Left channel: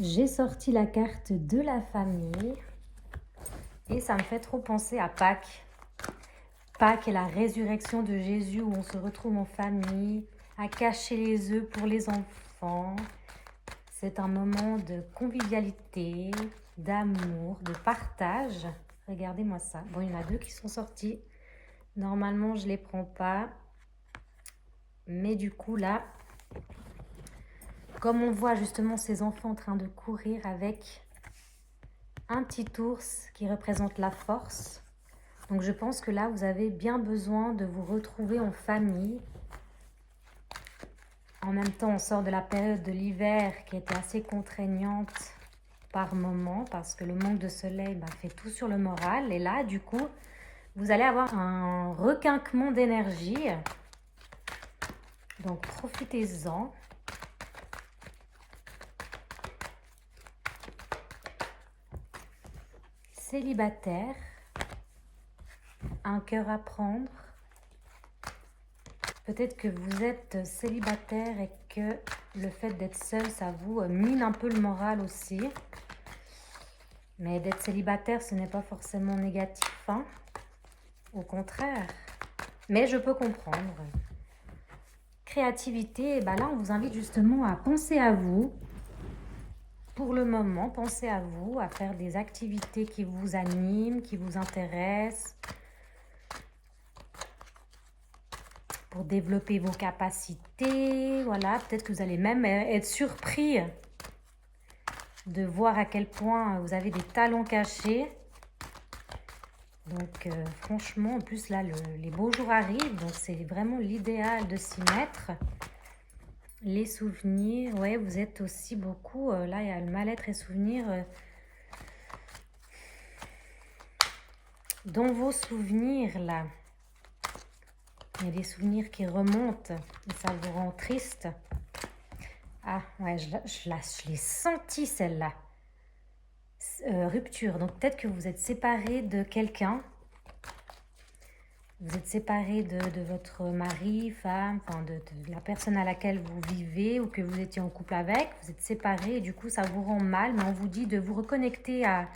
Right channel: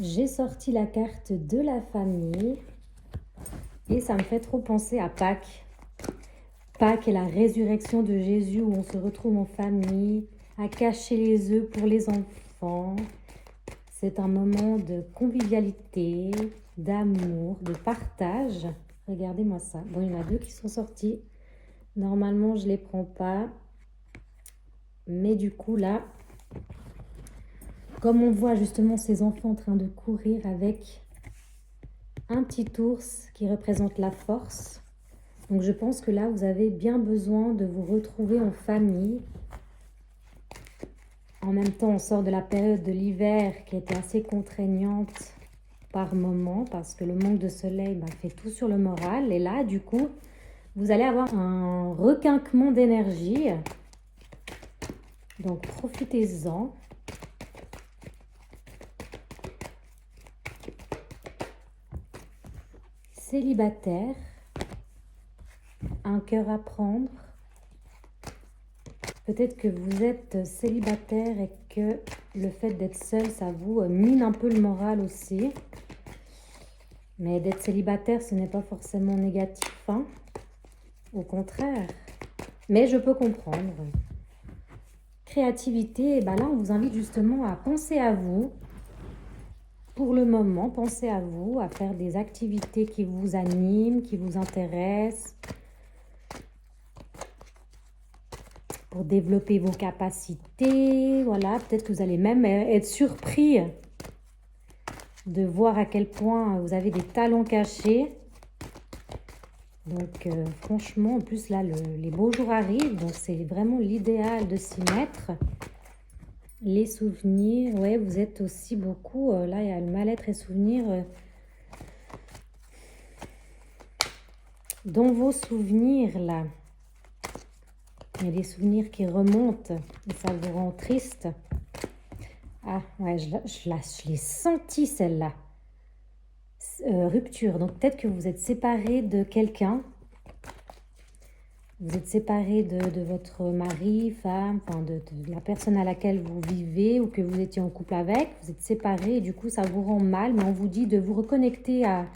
J'ai sorti la carte de la famille et ça me fait trop penser à Pâques. Pâques est la résurrection de Jésus où on se retrouve en famille, à cacher les œufs pour les enfants. C'est un moment de convivialité, d'amour, de partage. Regardez-moi ça. Bon, il y en a deux qui sont sortis. Normalement, je ne les prends pas. Mais du coup, là, comme on voit justement ces enfants en train de courir avec un petit ours qui représente la force. Donc je pense que là, vous avez bien besoin de vous retrouver en famille. En même temps, on sort de la période de l'hiver qui était assez contraignante par moment parce que le manque de soleil fait tout sur le moral. Et là, du coup, vous allez avoir un requinquement d'énergie. Donc profitez-en. Célibataire, un cœur à prendre. Peut-être que vous êtes célibataire et que le fait d'être seul, ça vous mine un peu le moral aussi. Mais d'être célibataire, ce n'est pas forcément négatif, hein? Au contraire. Mais je peux comprendre. Créativité, là, on vous invite justement à penser à vous. Pour le moment, pensez à vous, à faire des activités qui vous animent, qui vous intéressent, pour développer vos capacités. Voilà, peut-être que vous allez même être surpris de voir à quel point vous avez des talents cachés. Donc franchement, en plus là, les beaux jours arrivent, donc c'est vraiment l'idéal de s'y mettre. Les souvenirs, ouais, vous êtes aussi beaucoup, là il y a le mal-être et souvenirs. Dans vos souvenirs là, il y a des souvenirs qui remontent et ça vous rend triste. Ah ouais, je l'ai senti celle-là. Rupture, donc peut-être que vous êtes séparé de quelqu'un. Vous êtes séparé de votre mari, femme, enfin de la personne à laquelle vous vivez ou que vous étiez en couple avec. Vous êtes séparé et du coup ça vous rend mal, mais on vous dit de vous reconnecter à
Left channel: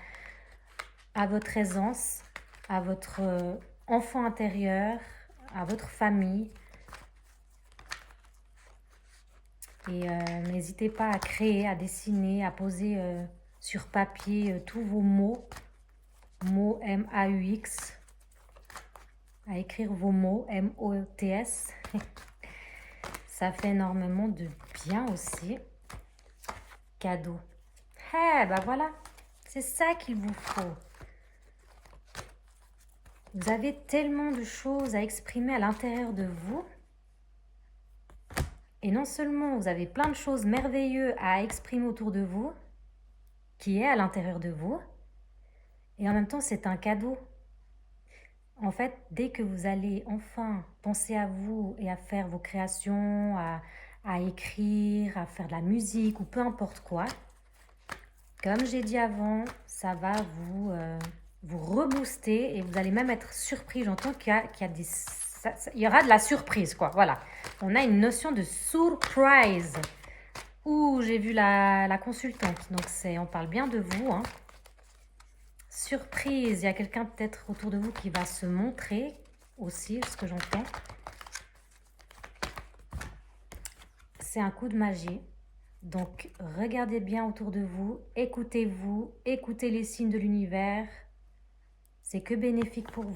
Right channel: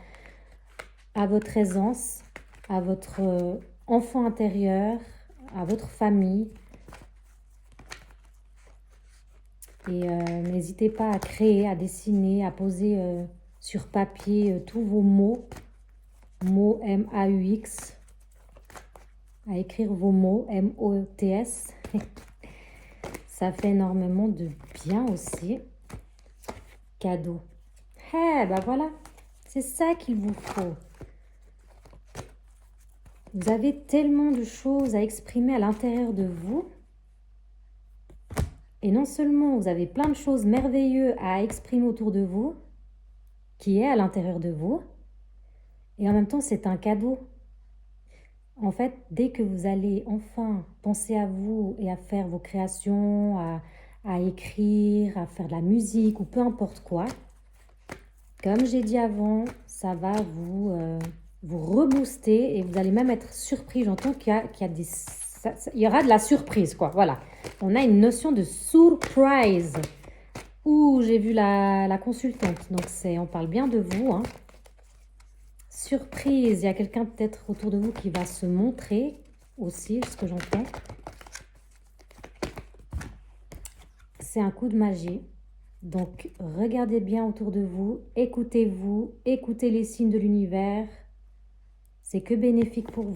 votre aisance, à votre enfant intérieur, à votre famille. Et n'hésitez pas à créer, à dessiner, à poser sur papier tous vos mots M-A-U-X, à écrire vos mots M-O-T-S. Ça fait énormément de bien aussi. Cadeau. Voilà, c'est ça qu'il vous faut. Vous avez tellement de choses à exprimer à l'intérieur de vous. Et non seulement vous avez plein de choses merveilleuses à exprimer autour de vous, qui est à l'intérieur de vous, et en même temps c'est un cadeau. En fait, dès que vous allez enfin penser à vous et à faire vos créations, à écrire, à faire de la musique ou peu importe quoi, comme j'ai dit avant, ça va vous rebooster et vous allez même être surpris. J'entends qu'il y aura de la surprise, quoi. Voilà. On a une notion de surprise. Ouh, j'ai vu la consultante. Donc, on parle bien de vous, hein. Surprise. Il y a quelqu'un peut-être autour de vous qui va se montrer aussi, ce que j'entends. C'est un coup de magie. Donc, regardez bien autour de vous, écoutez les signes de l'univers. C'est que bénéfique pour vous.